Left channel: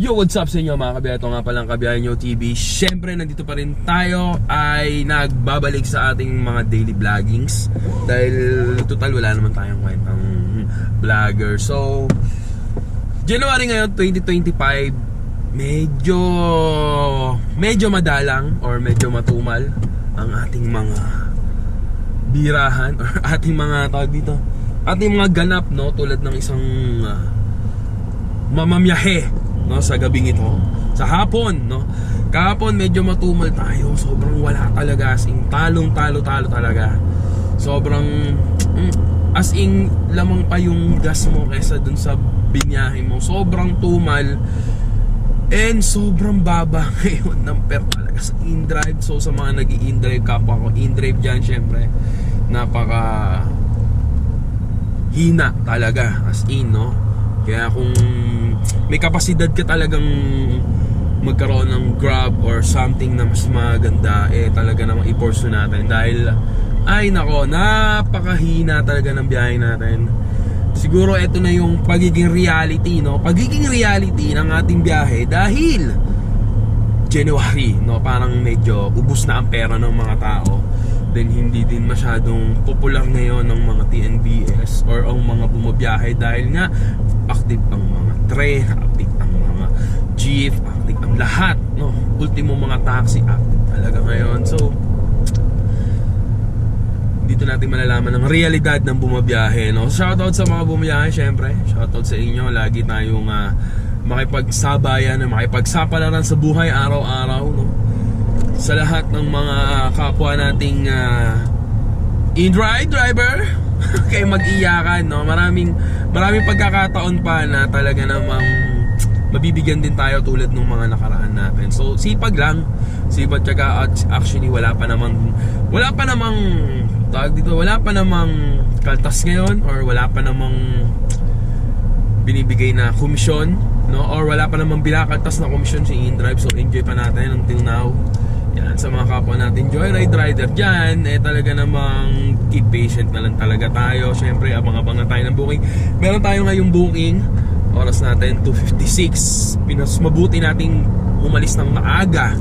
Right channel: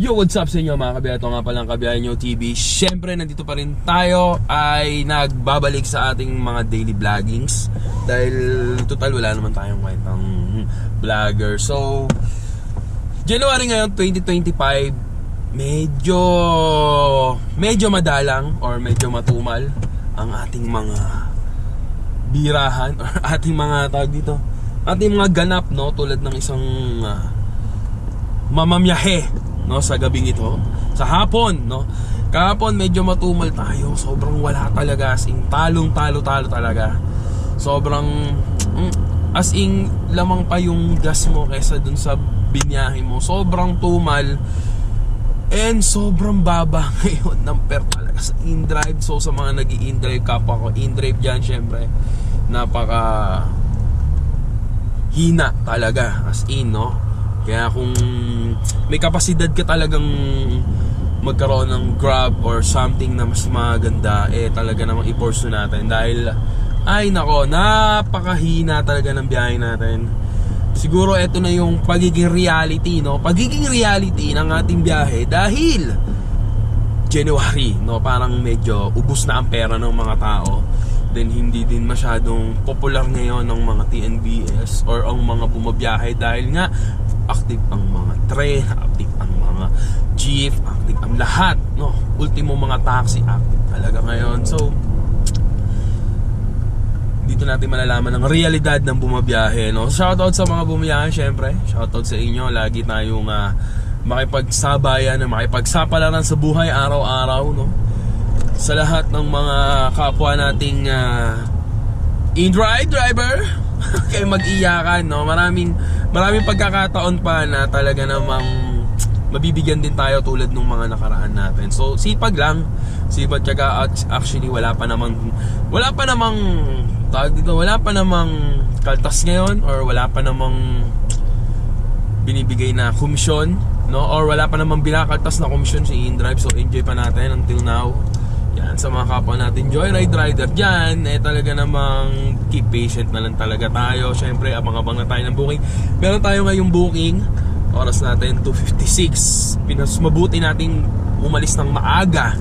Yo, what's up sa inyo mga kabiyahe? Ito nga palang Kabiyahe Nyo TV. Siyempre, nandito pa rin tayo ay nagbabalik sa ating mga daily vloggings. Dahil total wala naman tayong kwentang vlogger. So, January ngayon, 2025, medyo madalang or medyo matumal ang ating mga birahan or ating mga tawag dito, ating mga ganap, no? Tulad ng isang mamamyahe, no, sa gabing ito, sa hapon, no. Kahapon medyo matumal tayo, sobrang wala talaga, as in talo talaga. Sobrang as in lamang pa yung gas mo kaysa dun sa binyahe mo. Sobrang tumal and sobrang baba ngayon ng per talaga sa in-drive. So sa mga nag-i-in-drive, kapwa ko in-drive dyan, syempre napaka hina talaga, as in, no. Kaya kung may kapasidad ka talagang magkaroon ng Grab or something na mas maganda, talaga namang i-pursue natin. Dahil ay nako, napakahina talaga ng biyahe natin. Siguro ito na yung pagiging reality, no? Pagiging reality ng ating biyahe dahil January, no? Parang medyo ubos na ang pera ng mga tao. Then hindi din masyadong popular ngayon ng mga TNBS or ang mga bumabiyahe dahil nga active ang mga train, active ang mga jeep, active ang lahat, no? Ultimo mga taxi active talaga ngayon. So dito natin malalaman ang realidad ng bumabiyahe, no? Shoutout sa mga bumabiyahe, syempre. Shoutout sa inyo. Lagi tayong makipagsabayan, makipagsapalaran sa buhay araw-araw, no? Sa lahat ng mga kapwa nating in-drive driver, kayo mag-iyakan, no? Maraming pagkakataon pa na talaga namang mabibigyan din tayo tulad ng mga nakaraan natin. So sipag lang, sipag tiyaga. At actually wala pa namang tawag dito, wala pa namang kaltas ngayon or wala pa namang binibigay na komisyon, no? Or wala pa namang binakaltas na komisyon si in-drive. So enjoy pa natin until now. Yan, sa mga kapwa natin joyride rider dyan, talaga namang keep patient na lang talaga tayo. Siyempre, abang-abang na tayo ng booking. Meron tayo ngayong booking, oras natin 2:56. Mas mabuti nating umalis ng maaga,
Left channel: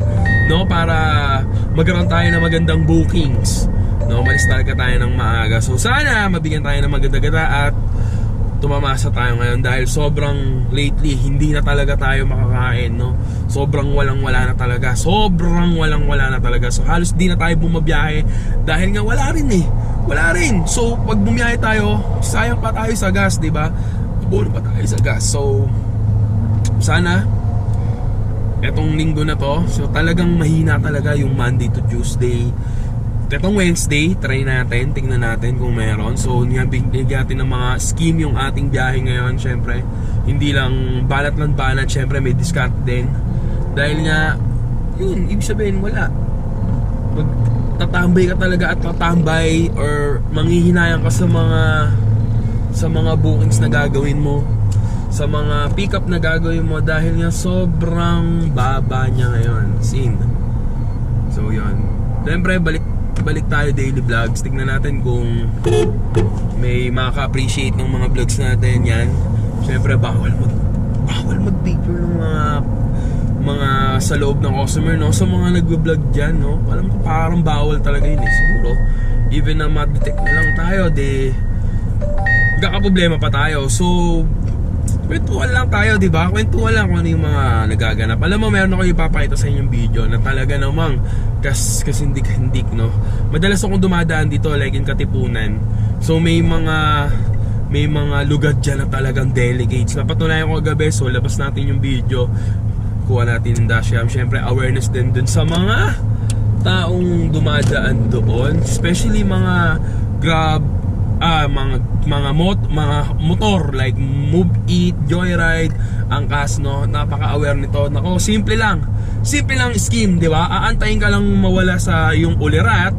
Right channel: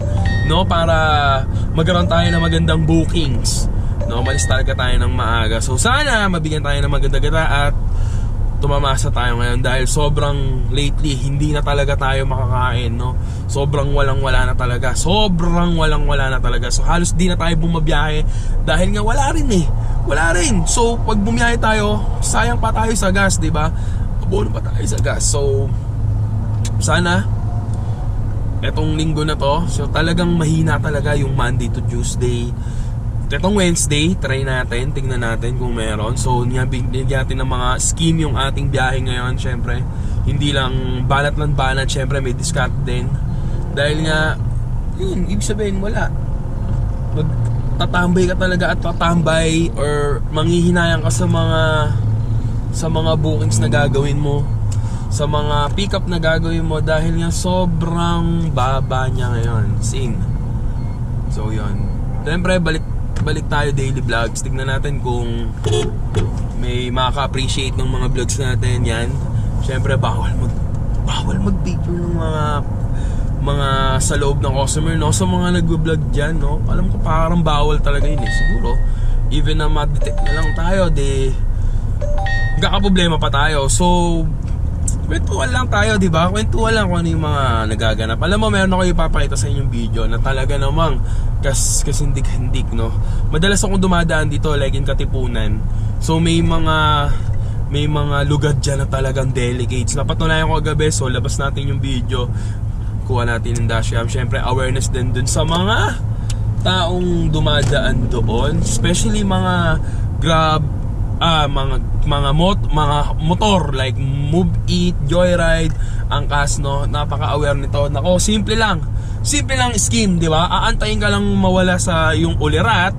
no, para magkaroon tayo ng magandang bookings, no. Umalis talaga tayo ng maaga. So sana mabigyan tayo ng maganda-ganda at tumamasa tayo ngayon dahil sobrang lately hindi na talaga tayo makakain, no. Sobrang walang-wala na talaga. So halos di na tayo bumabiyahe dahil nga wala rin. So pag bumiyahe tayo, sayang pa tayo sa gas, di ba? Abono pa tayo sa gas. So sana etong linggo na to, so talagang mahina talaga yung Monday to Tuesday. Itong Wednesday, try natin, tingnan natin kung meron. So niyabigyan natin ng mga scheme yung ating biyahe ngayon. Syempre, hindi lang balat, syempre may discount din. Dahil nga, yun, ibig sabihin wala. Magtatambay ka talaga at tatambay or manghihinayang ka sa mga bookings na gagawin mo, sa mga pick up na gagawin mo dahil nga sobrang baba niya ngayon. Sin. So yun. Siyempre, balik tayo daily vlogs. Tignan natin kung may makaka-appreciate ng mga vlogs natin. Yan. Siyempre bawal mag-picture ng mga sa loob ng customer, no? So mga nagvo-vlog diyan, no? Alam ko parang bawal talaga yun, siguro even na ma-detect na lang tayo, magkakaproblema pa tayo. So kwentuhan lang tayo, di ba? Kwentuhan lang kung ano yung mga nagaganap. Alam mo, meron ako ipapakita sa inyong video na talaga namang kasindik-hindik, no? Madalas akong dumadaan dito like in Katipunan. So may mga lugar dyan na talagang delegates. Napatunayan ko kagabi, so labas natin yung video, kuha natin yung dashcam. Syempre awareness din dun sa mga taong dumadaan doon, especially mga Grab, mga motor like Move It, Joyride, Angkas, no? Napaka-aware nito. Nako, simple lang scheme, di ba? Aantayin ka lang mawala sa yung ulirat,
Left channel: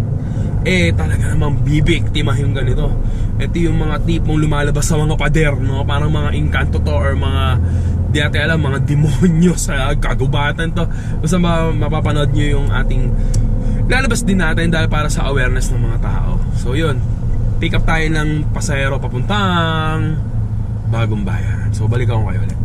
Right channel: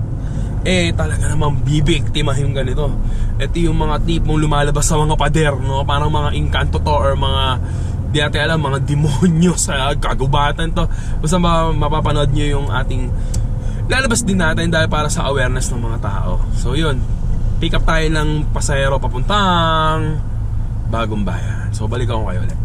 talaga namang bibiktimahin ka nito. Ito yung mga tipong lumalabas sa mga pader, no? Parang mga inkanto to or mga di natin alam, mga demonyo sa kagubatan to. Basta mapapanood nyo yung ating lalabas din natin dahil para sa awareness ng mga tao. So yun, pick up tayo ng pasahero papuntang Bagong Bayan. So balikan ko kayo ulit.